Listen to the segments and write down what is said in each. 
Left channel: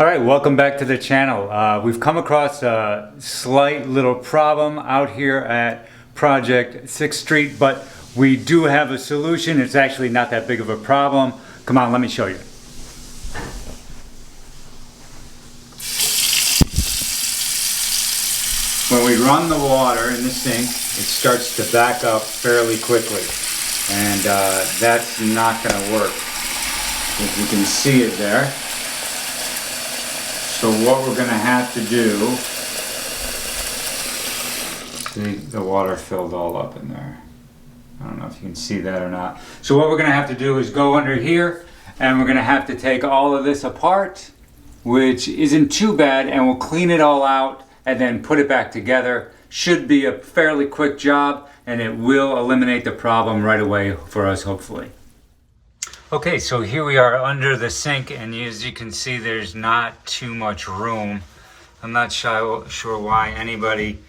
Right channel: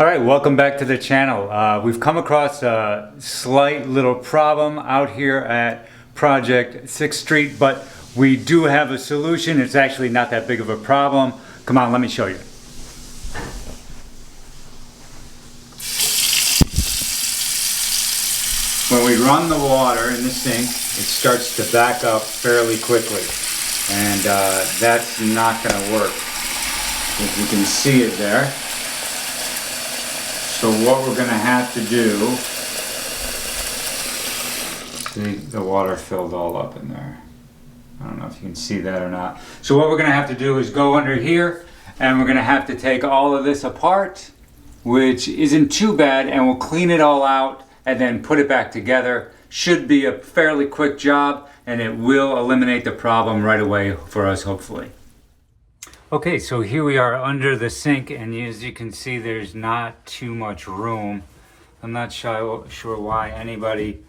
All right, welcome back to the channel. We've come across a slight little problem out here at Project 6th Street, but we do have a solution. It's actually not that big of a problem. Come on, let me show you. When we run the water in the sink, it starts to back up fairly quickly, and that's not going to work. If you can see it there. So what we're going to have to do, see, the water filled all up in there. I don't know if you can see that or not. So what we're going to have to do is go under here, and we're going to have to take all of this apart, which isn't too bad, and we'll clean it all out and then put it back together. Should be a fairly quick job, and it will eliminate the problem right away for us, hopefully. Okay, so here we are under the sink, and as you can see, there's not too much room. I'm not sure why anybody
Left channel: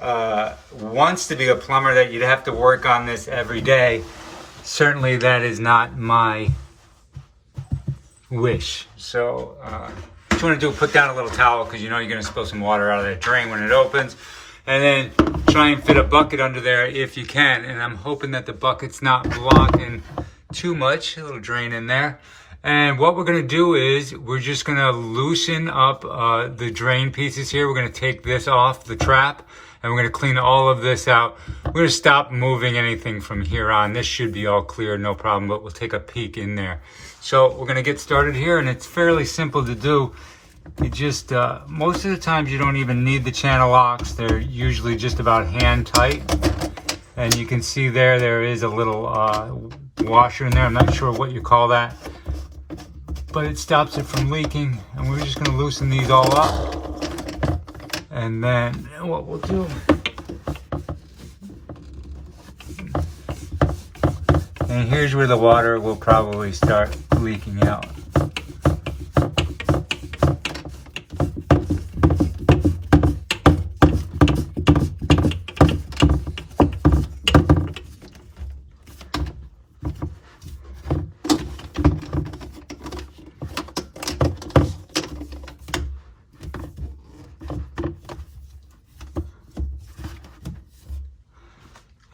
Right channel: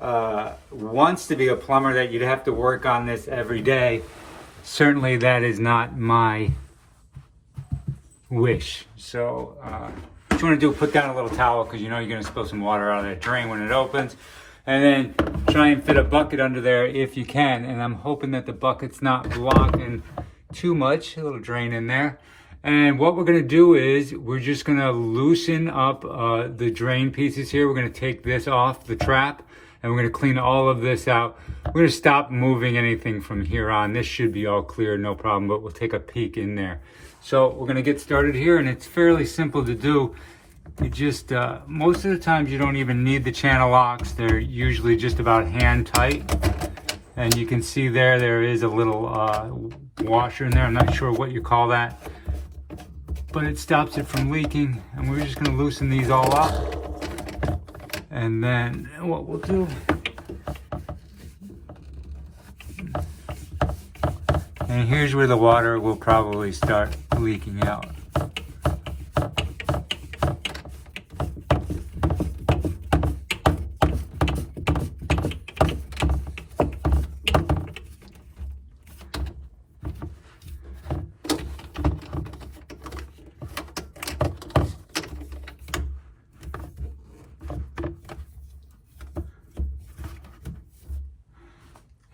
wants to be a plumber, that you'd have to work on this every day. Certainly that is not my wish. So what you want to do, put down a little towel, because you know you're going to spill some water out of that drain when it opens, and then try and fit a bucket under there if you can. And I'm hoping that the bucket's not blocking too much, a little drain in there. And what we're going to do is we're just going to loosen up the drain pieces here. We're going to take this off the trap, and we're going to clean all of this out. We're going to stop moving anything from here on. This should be all clear, no problem, but we'll take a peek in there. So we're going to get started here, and it's fairly simple to do. It just most of the times you don't even need the channel locks. They're usually just about hand tight, and you can see there is a little washer in there. I'm not sure what you call that, but it stops it from leaking. And we're just going to loosen these all up, and then what we'll do, and here's where the water will probably start leaking out.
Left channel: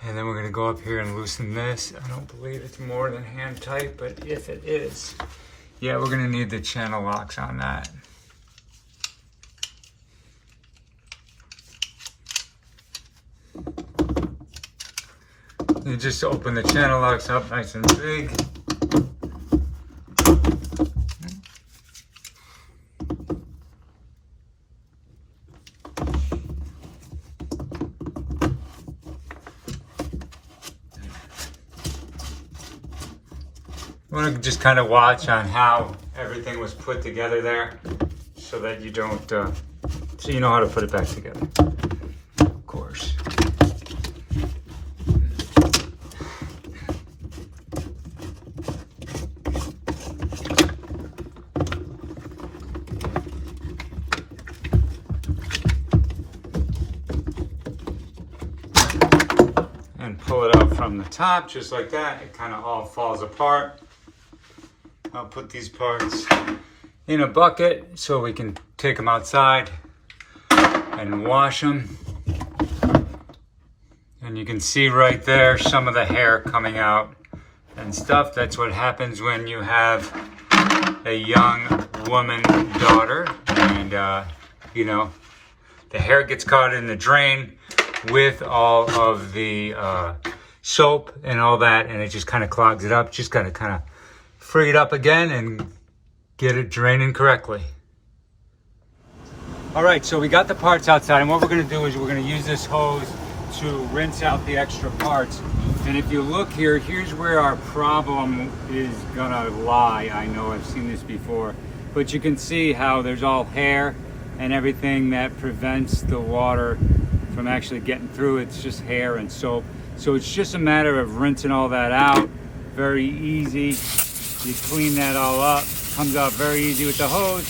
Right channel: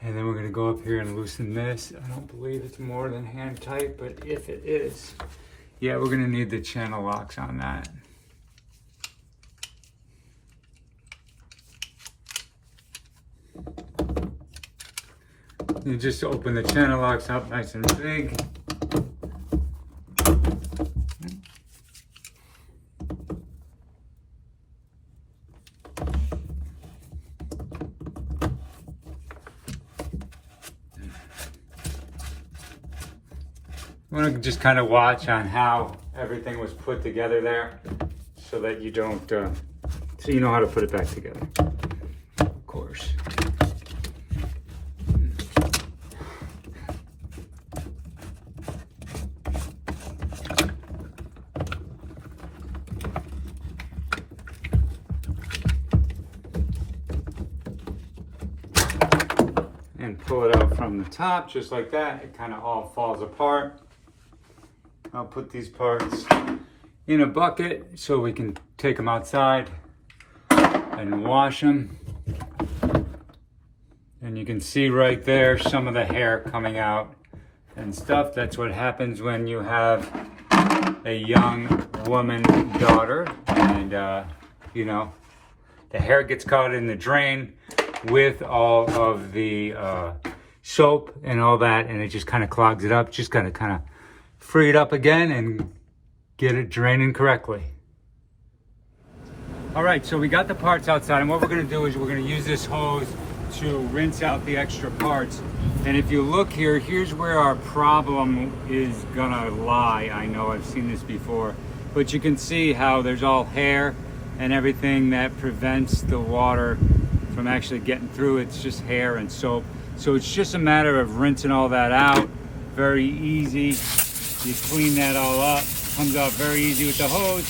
And then we're going to go up here and loosen this. I don't believe it's more than hand tight, but if it is, yeah, we're going to need the channel locks on that. You just open the channel locks up nice and big. I want to just kind of watch on how everything was put together there, so that you don't, so you know how to put it back together, of course. And pull it out from the top, just like that. It kind of all falls apart. I'll put these parts in a bucket so we can take them outside and wash them. And you can see right there some of the hair coming out and stuff. That's what happens when you have a young woman daughter, and you know, the hair gets caught in the drain with all of the soap and all that, and it just kind of clogs it up. Just gotta kind of free it up again and get it draining correctly. All right, so we got the parts outside, and what we're going to do is we're going to use this hose to rinse out the extra parts. And if you look here, here's where our problem is going to lie. I know I've seen this before, but you can see how there's all hair and everything that prevents the water from actually getting through. It's just hair and soap. So it's just a matter of rinsing all that out. Very easy. You clean that all up. Comes out very easy with the hose.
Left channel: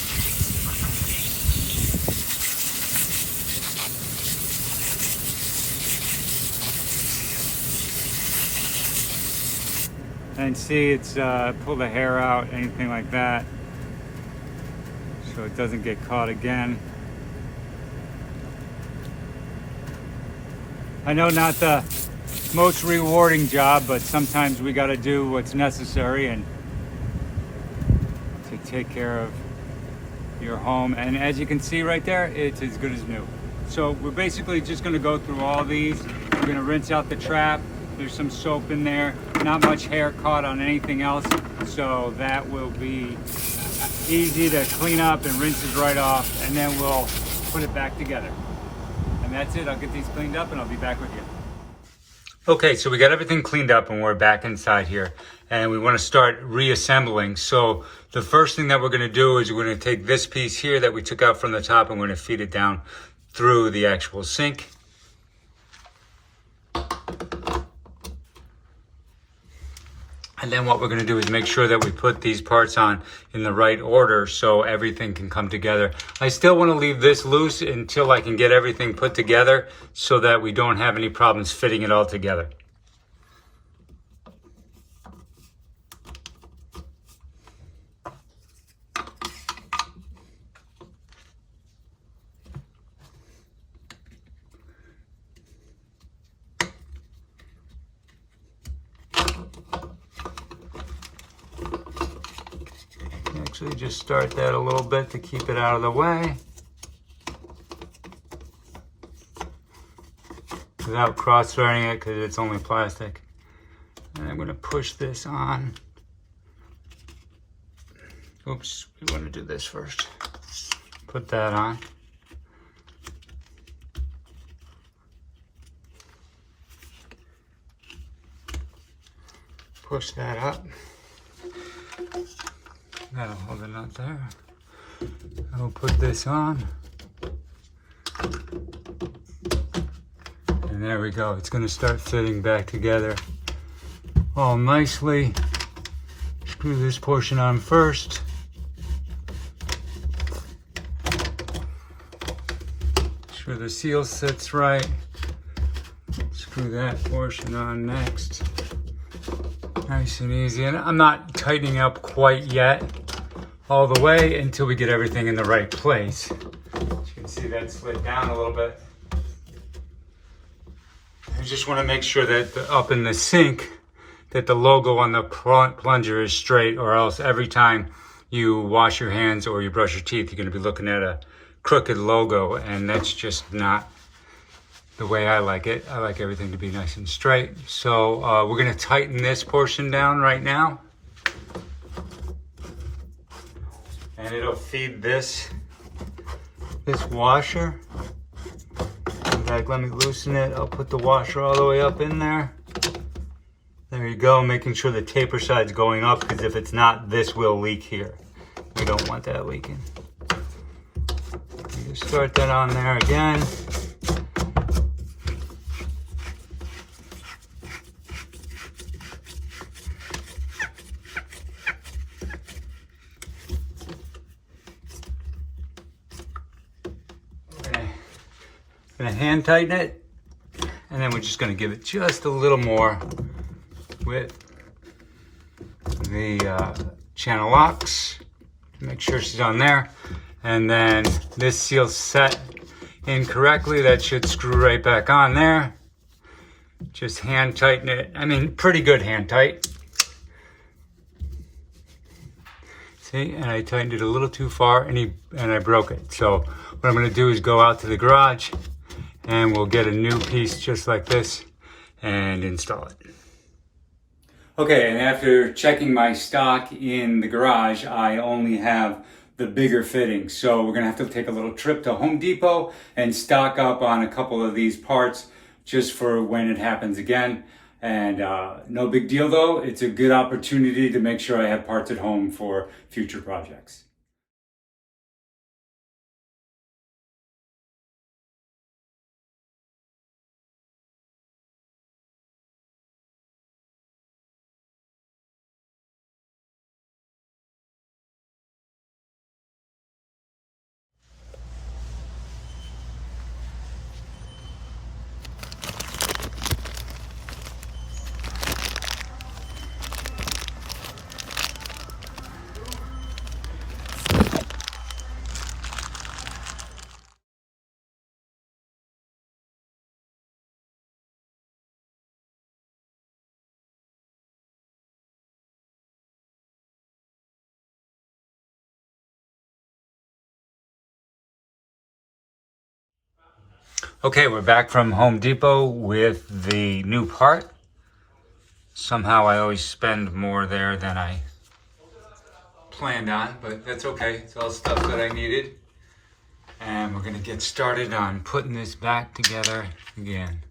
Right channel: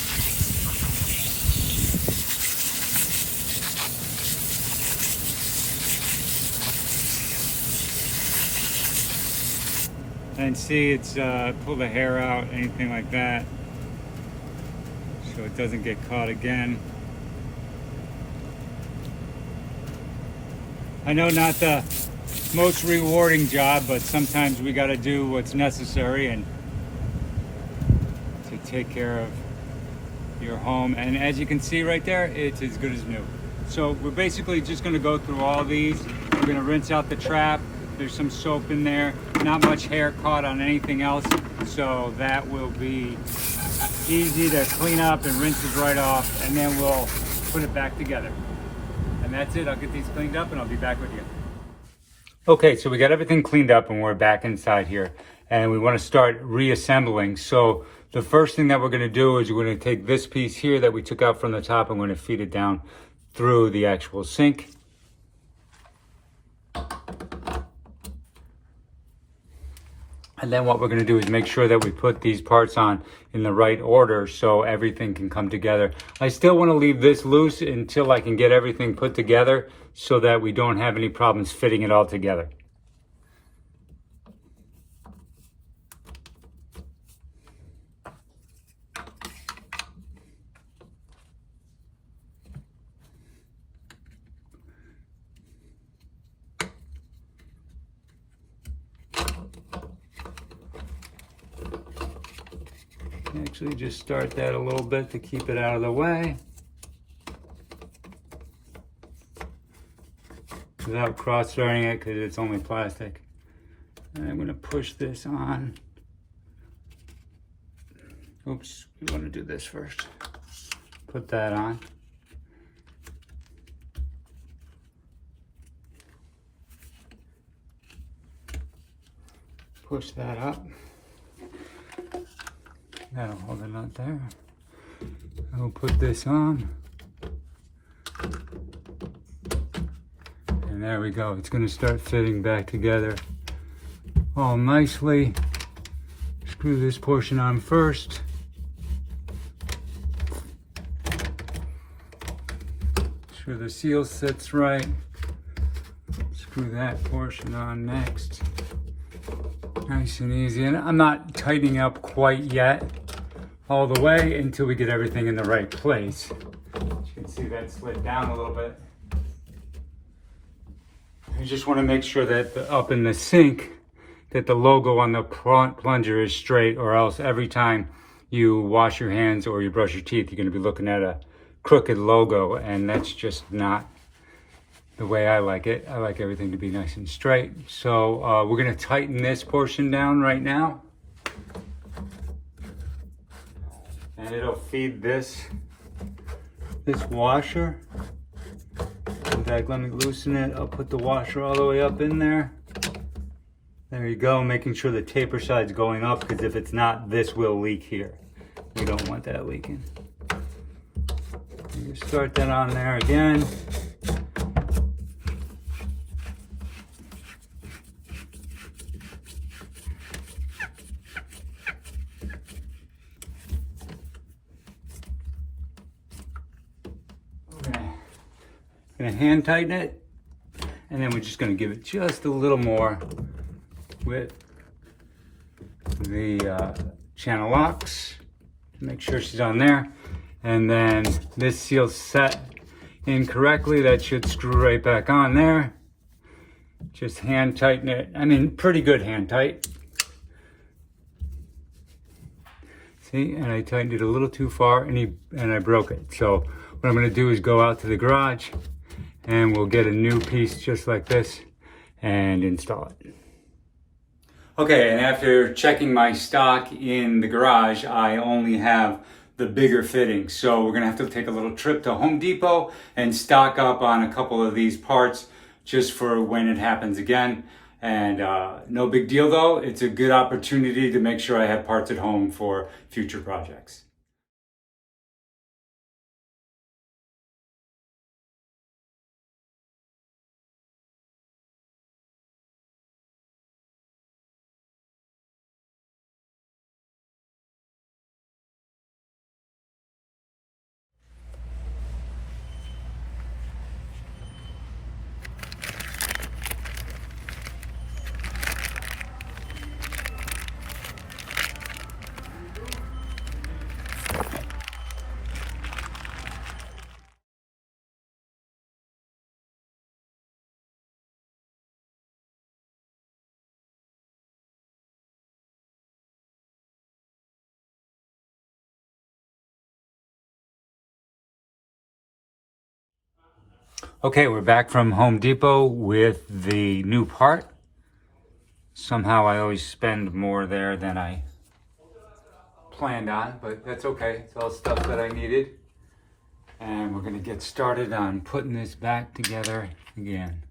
And see, it's pull the hair out, anything like that. so it doesn't get caught again. I know not the most rewarding job, but sometimes we got to do what's necessary and to take care of your home. And as you can see right there, it's as good as new. So we're basically just going to go through all these. We're going to rinse out the trap. There's some soap in there, not much hair caught on anything else, so that will be easy to clean up and rinses right off, and then we'll put it back together. And that's it. I'll get these cleaned up and I'll be back with you. Okay, so we got everything cleaned up and we're back inside here, and we want to start reassembling. So the first thing that we're going to do is we're going to take this piece here that we took out from the top and we're going to feed it down through the actual sink. And then what we're going to do is make sure that we put these parts on in the right order so everything can come together. I still want to leave this loose until I can get everything put together so that we don't have any problems fitting it all together. Actually, just start that a little bit to keep it out of the way without cross-threading it because it's only plastic. And I'm going to push this on. Oops, we want to do this first. Put that on. Push that up. That'll hold it out there. I'll put this on. And there we go. It's going to start fitting back together all nicely. Screw this portion on first. Sure the seal sits right. Screw that portion on next. Nice and easy. And I'm not tightening up quite yet all the way until we get everything in the right place. As you can see, that slid down a little bit. I just want to make sure that up in the sink that the logo on the plunger is straight, or else every time you wash your hands or you brush your teeth, you're going to be looking at a crooked logo, and that's just not the way I like it. I like everything to be nice and straight. So we're going to tighten this portion down right now. And it'll feed this washer. In fact, let me loosen it. I'll put the washer all the way up in there. There you go, making sure the taper side's going up, because if it's not, this will leak here. We don't want that leaking. You start that on there again. Gonna hand tighten it, and then we're just gonna give it just a little more with the channel locks to make sure she's on there. And then this seal's set incorrectly. That should screw right back on there. Just hand tighten it. I mean, pretty good hand tight. See, and I tightened it a little too far, and I broke it. So what I'm gonna do is go out to the garage and we'll get a new piece just like this and install it. Okay, and after checking my stock in the garage, I only have the bigger fitting. So we're gonna have to take a little trip to Home Depot and stock up on a couple of these parts just for when it happens again. And no big deal though. It's a good opportunity to make sure I have parts at home for future projects. Okay, we're back from Home Depot with the new part. Somehow I always spend more there than I planned on, but that's okay. It's all stuff that I needed. And we're gonna get started on putting this back together again.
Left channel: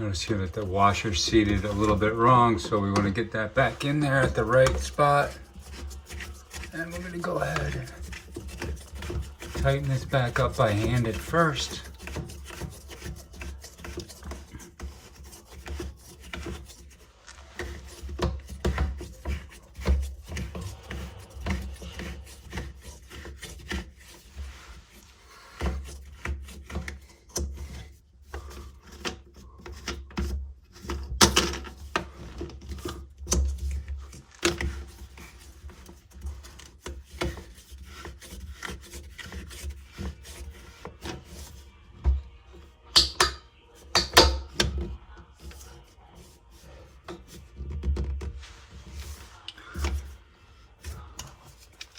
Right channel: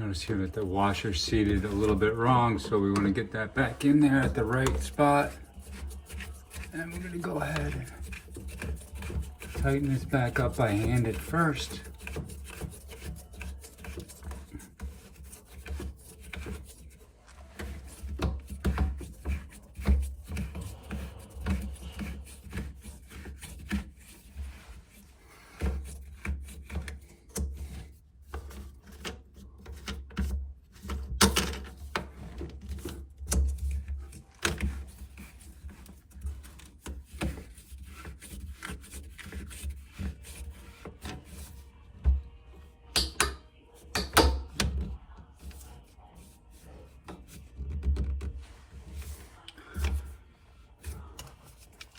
Notice here that the washer's seated a little bit wrong, so we want to get that back in there at the right spot. And we're going to go ahead and tighten this back up by hand at first.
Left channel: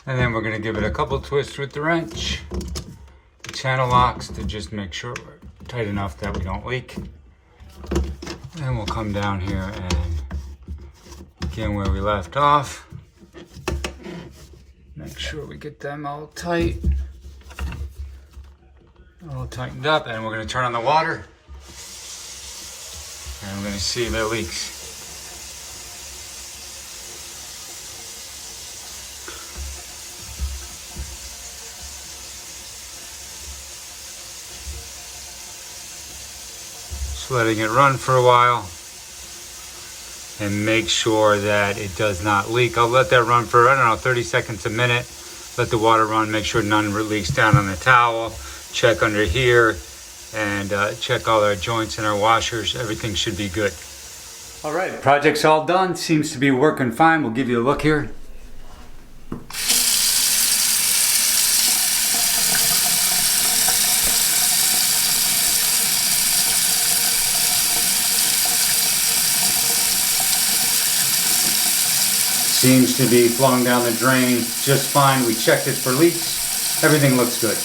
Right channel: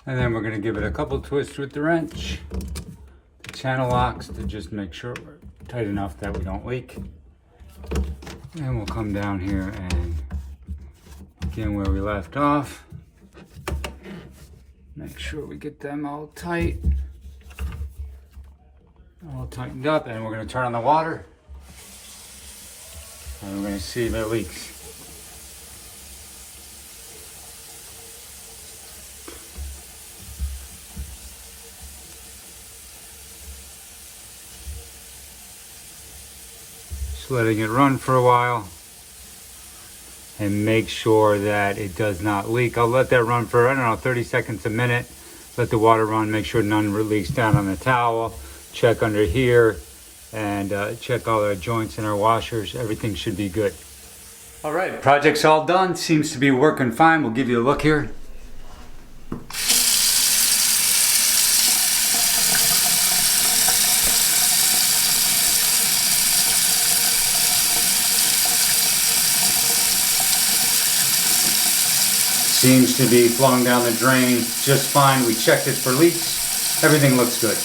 And then we're going to give it a couple twists with the wrench. The channel locks to just make sure we're tight enough that we don't leak. And we'll come down here and begin where we left off. Make sure we get them all tight. All tightened up, and we're going to turn on the water. And we're going to see if it leaks. Just letting it run for a while and make sure that it does not leak. I'll let that run for, I don't know, 30 seconds, a minute. Let the water run, make sure none leaks down on the towel. Check under here and check all our joints and our washers. Everything should be good. All right, project's all done. Seems to be working fine. We'll give you a look here. Seems to be flowing down the drain just fine. We checked it for leaks. Everything looks good.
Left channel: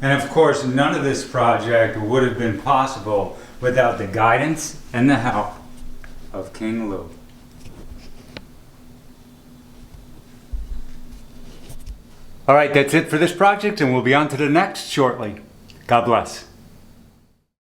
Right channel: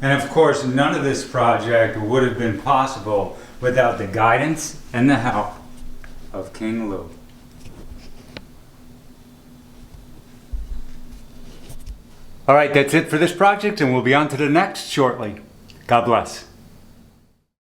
And of course, none of this project would have been possible without the guidance and the help of King Lou. All right, that's it for this project, and we'll be on to the next shortly. God bless.